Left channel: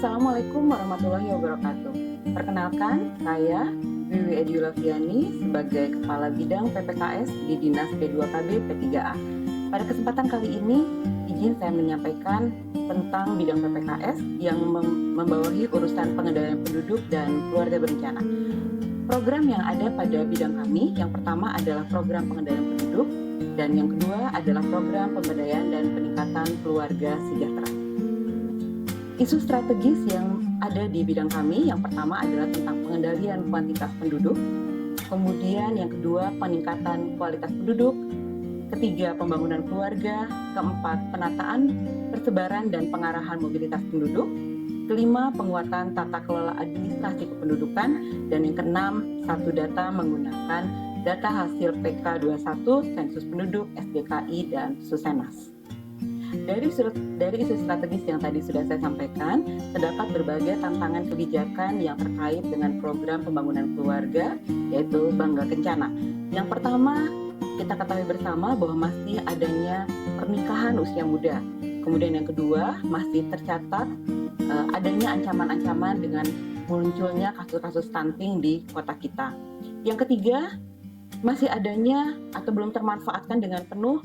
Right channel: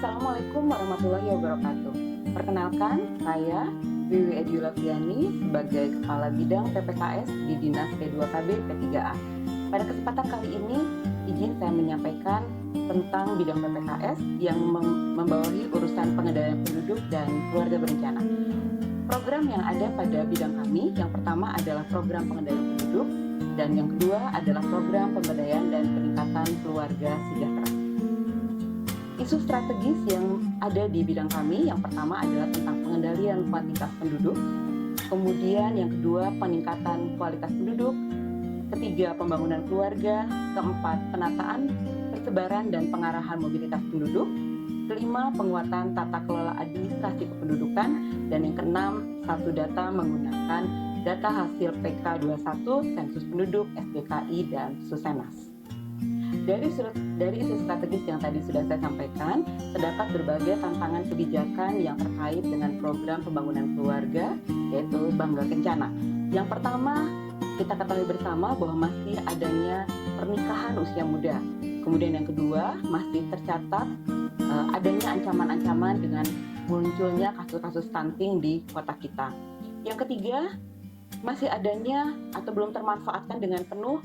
Assalamualaikum warahmatullahi wabarakatuh. Perkenalkan, saya Wiwi Ediulaviani sebagai Kepala Bidang PPKS di Dinas P2KB P3A. Pada kesempatan kali ini, izin saya menyampaikan tentang bidang PPKS yang membawahi urusan pengendalian penduduk dan keluarga berencana. Program yang ada pada bidang kami, yang pertama adalah program pengendalian penduduk, dan yang kedua adalah program pemberdayaan dan peningkatan keluarga sejahtera. Isu strategis yang ada di bidang kami, yang pertama adalah tentang pengendalian kuantitas penduduk, kemudian yang kedua peningkatan kualitas penduduk, ketiga pembangunan keluarga, keempat penataan, persebaran dan pengarahan mobilitas penduduk, kelima penguatan tata kelola administrasi kependudukan, dan yang keenam satu data menggunakan data hasil PK21, Sensus Penduduk, SDKI, dan Susenas. Dari isu strategis yang tadi sudah saya sampaikan, terdapat berbagai tantangan kebijakan yang terkait dengan program pembangunan keluarga, yaitu Bangga Kencana. Yang pertama, kita ketahui bersama bahwa masih adanya pernikahan usia muda. Kemudian yang kedua, masih tercatat adanya ancaman-ancaman dengan munculnya kasus-kasus stunting di kota kita. Yang ketiga, masih adanya atau belum termanfaatkan dengan penuh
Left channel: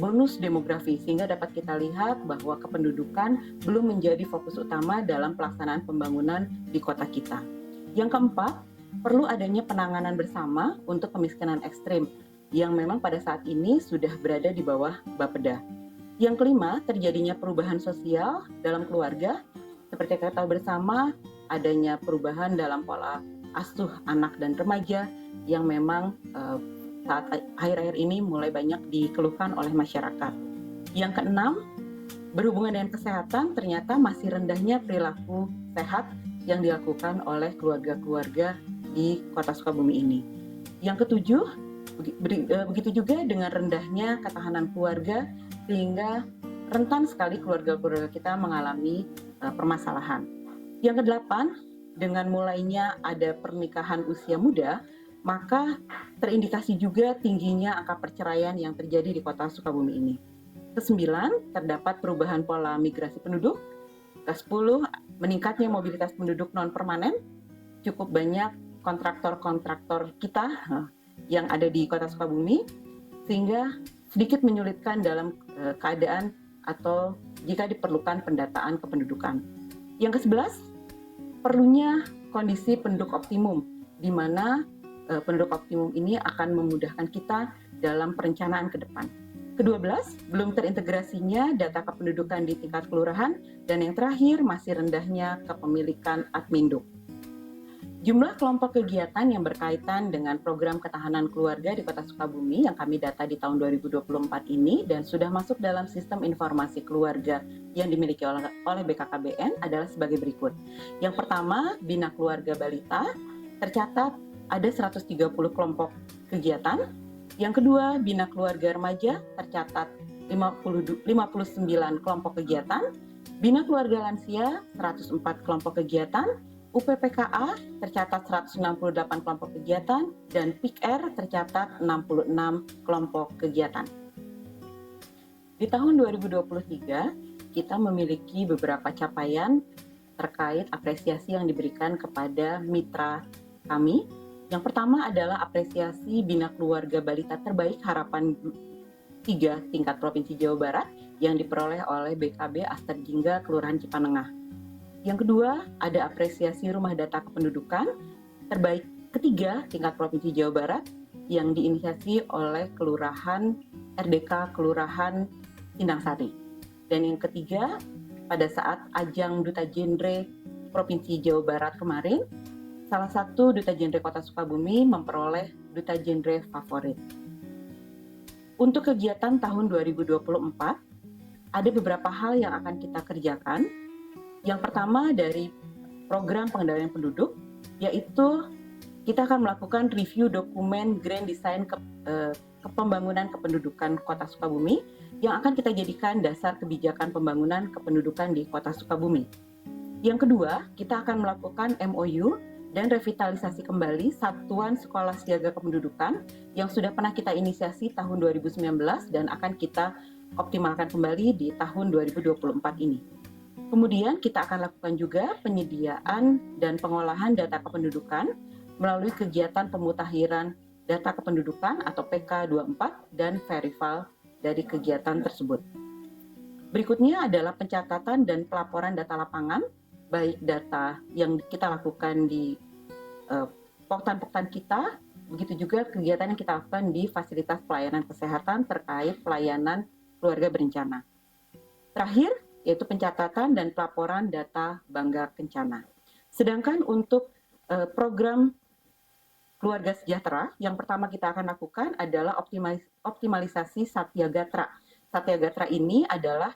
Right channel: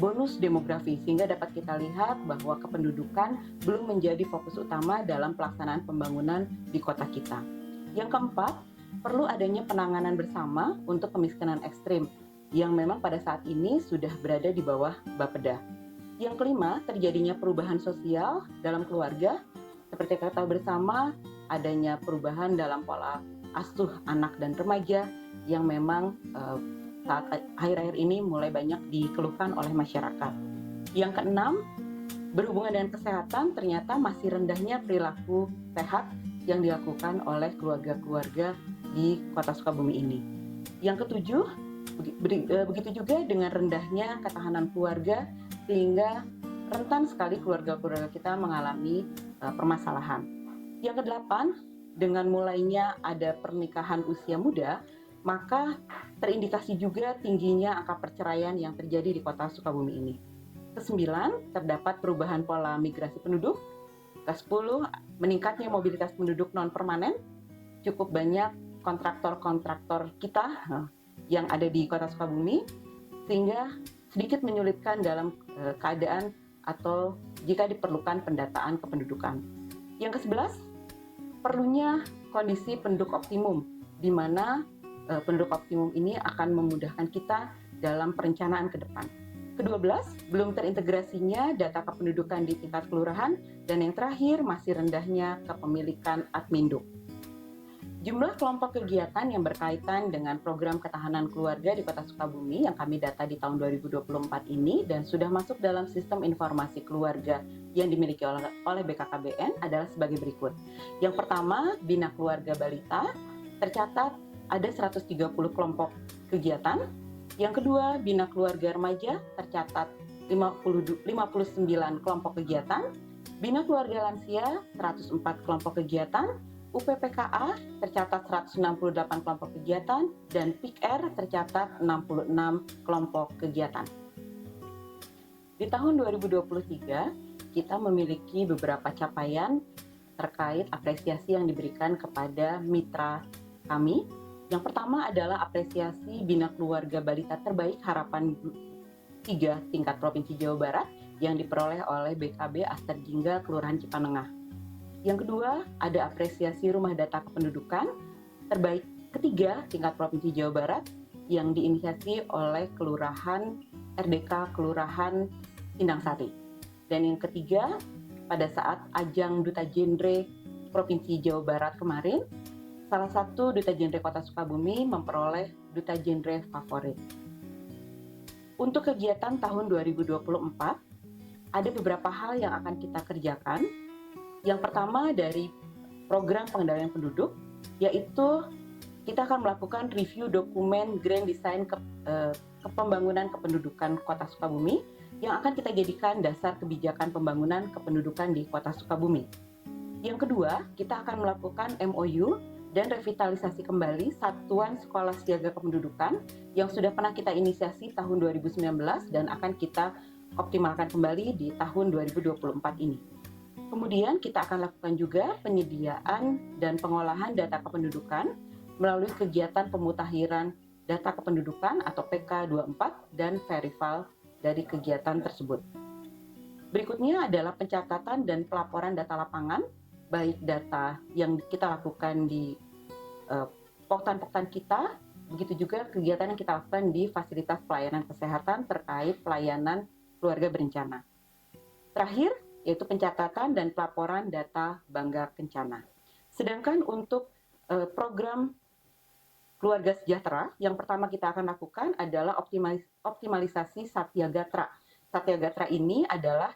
bonus demografi, sehingga dapat kita lihat bahwa kependudukan belum menjadi fokus utama dalam pelaksanaan pembangunan di kota kita. Yang keempat, perlu adanya penanganan bersama untuk kemiskinan ekstrim yang memang pada saat ini sudah berada di bawah Bapeda. Yang kelima, terjadinya perubahan sosial dalam keluarga, seperti kita tahu bersama adanya perubahan dalam pola asuh anak dan remaja yang memang saat akhir-akhir ini mulai banyak dikeluhkan oleh masyarakat. Yang keenam, berhubungan dengan kesehatan, ternyata masih rendahnya perilaku sehat yang dilakukan oleh keluarga-keluarga di kota Sukabumi ini. Yang ketujuh, begitu juga dengan rendahnya ketahanan keluarga, sehingga rentan sekali keluarga-keluarga kita mengalami permasalahan. Yang kedelapan, dengan mulainya ada pernikahan usia muda, maka terindikasi juga tingginya angka perceraian yang terjadi di kota Sukabumi ini. Kesembilan, terdapat perubahan pola migrasi penduduk. Kesepuluh, meningkatnya mobilitas penduduk non-permanen. Cukup banyak kontraktor-kontraktor kita yang ada di kota Sukabumi, sehingga sedikit menyulitkan dalam keadaan atau jika diperlukan pendataan kependudukan. Yang ke-11, perlunya kondisi penduduk optimum, di mana penduduk optimum ini akan memudahkan kita dalam perencanaan ke depan. Ke-12, belum terintegrasinya data kependudukan di tingkat kelurahan, dan yang terakhir masih rendahnya kepemilikan Adminduk. Jumlah kelompok kegiatan yang berkaitan dengan program ketahanan keluarga di Kota Sukabumi yang kami data di tahun 2024 ini dan sudah masuk dalam sistem informasi keluarga yang dimiliki oleh BKKBN adalah sebagai berikut. Yang pertama, Bina Keluarga Balita tercatat ada 130 kelompok kegiatan. Yang kedua, Bina Keluarga Remaja tercatat 59 kelompok kegiatan. Bina Keluarga Lansia 104 kelompok kegiatan. UPPKA tercatat 168 kelompok kegiatan dan PIKR tercatat 66 kelompok kegiatan. Di tahun 2023, kita memiliki beberapa capaian terkait apresiasi yang diberikan kepada mitra kami. Yang pertama adalah apresiasi Bina Keluarga Balita Terbaik Harapan 3 tingkat Provinsi Jawa Barat yang diperoleh oleh BKB Asterjingga Kelurahan Cipanengah. Yang kedua, ada apresiasi Rumah Data Kependudukan Terbaik ketiga tingkat Provinsi Jawa Barat yang diinisiasi oleh Kelurahan RDK Kelurahan Sindang-Sari. Dan yang ketiga, pada saat ajang Duta Genre Provinsi Jawa Barat kemarin, salah satu Duta Genre Kota Sukabumi memperoleh Duta Genre Favorit. Untuk kegiatan tahun 2024, ada beberapa hal yang akan kita kerjakan. Yang pertama dari program pengendalian penduduk, yaitu kita akan melakukan review dokumen Grand Design Kepembangunan Kependudukan Kota Sukabumi yang akan kita jadikan dasar kebijakan pembangunan kependudukan di Kota Sukabumi. Yang kedua, kita akan melakukan MOU dan revitalisasi kembali Satuan Sekolah Siaga Kependudukan yang sudah pernah kita inisiasi tahun 2019 dan akan kita optimalkan kembali di tahun 2024 ini. Kemudian kita akan lakukan juga penyediaan dan pengolahan data kependudukan melalui kegiatan pemutakhiran data kependudukan atau PK24 dan Verival dari kegiatan tersebut. Berikutnya adalah pencatatan dan pelaporan data lapangan, baik data yang kita lakukan di poktan-poktan kita, begitu juga kegiatan yang kita lakukan di fasilitas pelayanan kesehatan terkait pelayanan keluarga berencana. Terakhir, yaitu pencatatan dan pelaporan data Bangga Kencana. Sedangkan untuk program Keluarga Sejahtera, yang pertama kita akan lakukan adalah optimalisasi Satya Gatra. Satya Gatra ini adalah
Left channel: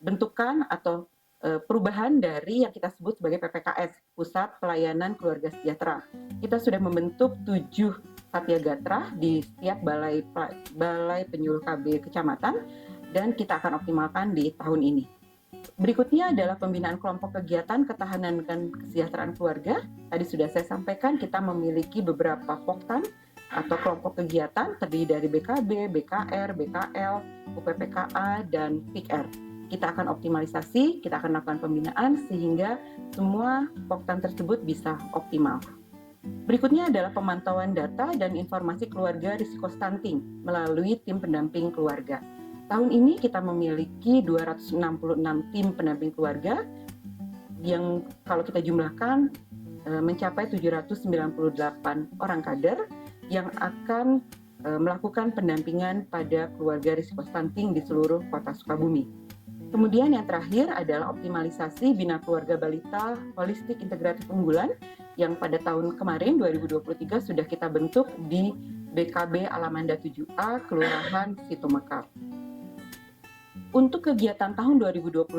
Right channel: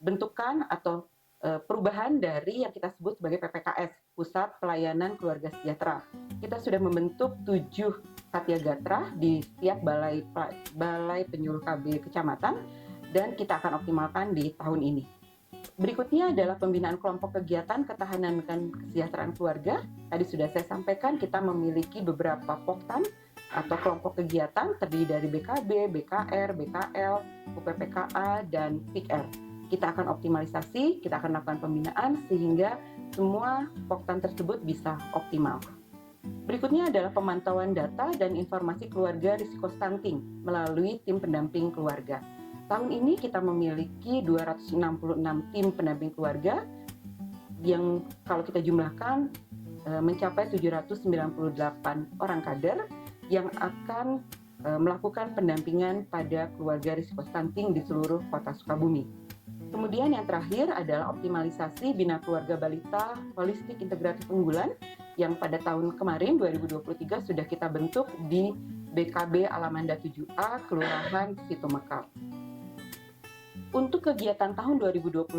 bentukan atau perubahan dari yang kita sebut sebagai PPKS, Pusat Pelayanan Keluarga Sejahtera. Kita sudah membentuk 7 Satya Gatra di setiap balai penyuluh KB kecamatan, dan kita akan optimalkan di tahun ini. Berikutnya adalah pembinaan kelompok kegiatan ketahanan dan kesejahteraan keluarga. Tadi sudah saya sampaikan kita memiliki beberapa poktan atau kelompok kegiatan terdiri dari BKB, BKR, BKL, UPPKA, dan PIKR. Kita akan optimalisasi, kita akan lakukan pembinaan sehingga semua poktan tersebut bisa optimal. Berikutnya adalah pemantauan data dan informasi keluarga risiko stunting melalui tim pendamping keluarga. Tahun ini kita memiliki 266 tim pendamping keluarga yang kalau kita jumlahkan mencapai 798 orang kader yang akan melakukan pendampingan pada keluarga risiko stunting di seluruh kota Sukabumi. Kemudian yang terakhir adalah optimalisasi Bina Keluarga Balita Holistik Integratif Unggulan yang pada tahun kemarin 2023 sudah kita bentuk di BKB Alamanda 7A Kelurahan Situmekal. Untuk kegiatan tahun 2025,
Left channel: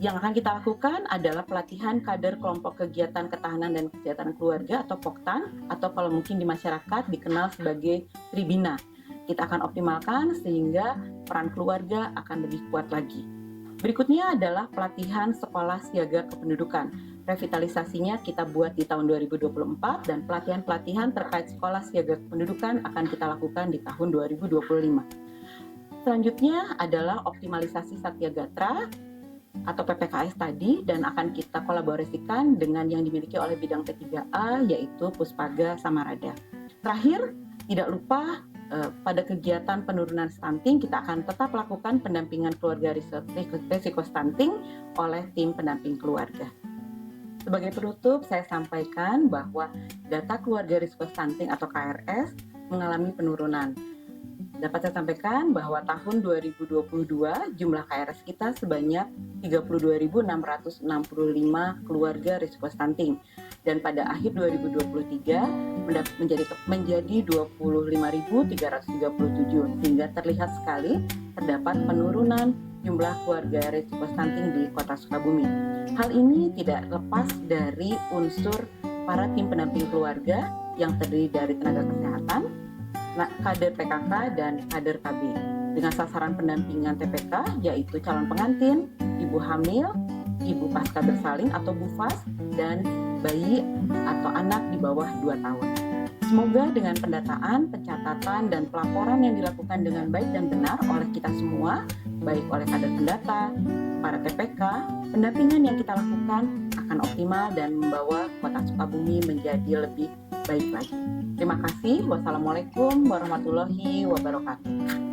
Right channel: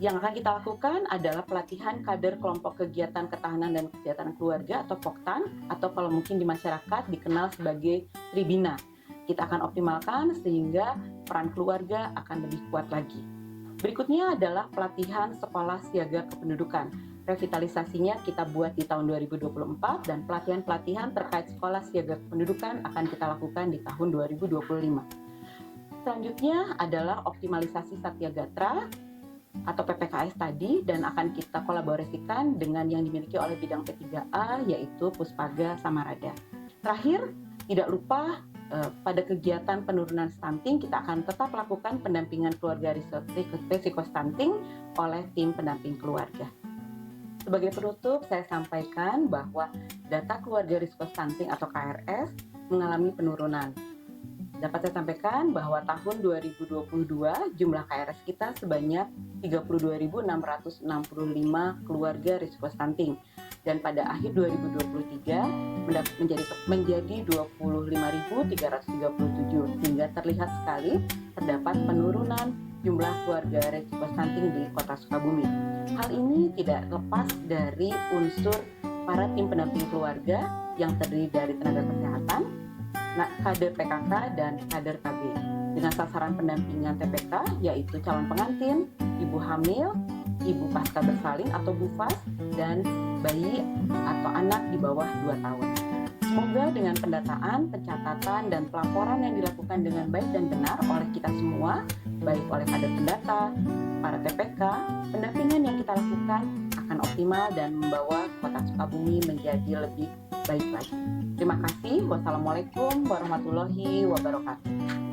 yang akan kita lakukan adalah pelatihan kader kelompok kegiatan ketahanan dan kesejahteraan keluarga atau POKTAN, atau kalau mungkin di masyarakat dikenal sebagai Tribina. Kita akan optimalkan sehingga peran keluarga akan lebih kuat lagi. Berikutnya adalah pelatihan sekolah siaga kependudukan. Revitalisasinya kita buat di tahun 2024 dan pelatihan-pelatihan terkait sekolah siaga kependudukan akan kita lakukan di tahun 2025. Selanjutnya adalah optimalisasi Satya Gatra atau PPKS tadi dan akan kita kolaborasikan dengan yang dimiliki oleh bidang P3A yaitu Puspaga Samarada. Terakhir, tidak lupa pada kegiatan penurunan stunting kita akan tetap lakukan pendampingan keluarga risiko stunting oleh tim pendamping keluarga. Sebagai penutup, saya sampaikan bahwa data keluarga risiko stunting atau KRS mengalami penurunan. Dapat saya sampaikan bahwa tahun 2022 jumlah KRS kita sebanyak 32.665 keluarga risiko stunting dan pada akhir 2023 menjadi 25.337 sehingga terlihat sekali terdapat penurunan jumlah keluarga risiko stunting di Kota Sukabumi. Hal ini tidak lepas dari unsur para tim pendamping keluarga yang terdiri dari tenaga kesehatan, kader PKK dan kader KB dengan sasaran pendampingan TPK yaitu calon pengantin, ibu hamil, ibu pasca bersalin atau BUFAS, dan bayi atau anak di bawah 2 tahun. Semoga dengan pendataan, pencatatan, dan pelaporan yang dilakukan dengan baik dan benar oleh kita semua, baik oleh kader pendata, para TPK, pendampingan yang kita lakukan akan optimal dan membawa Kota Sukabumi menjadi lebih baik lagi. Terima kasih. Wassalamualaikum warahmatullahi wabarakatuh.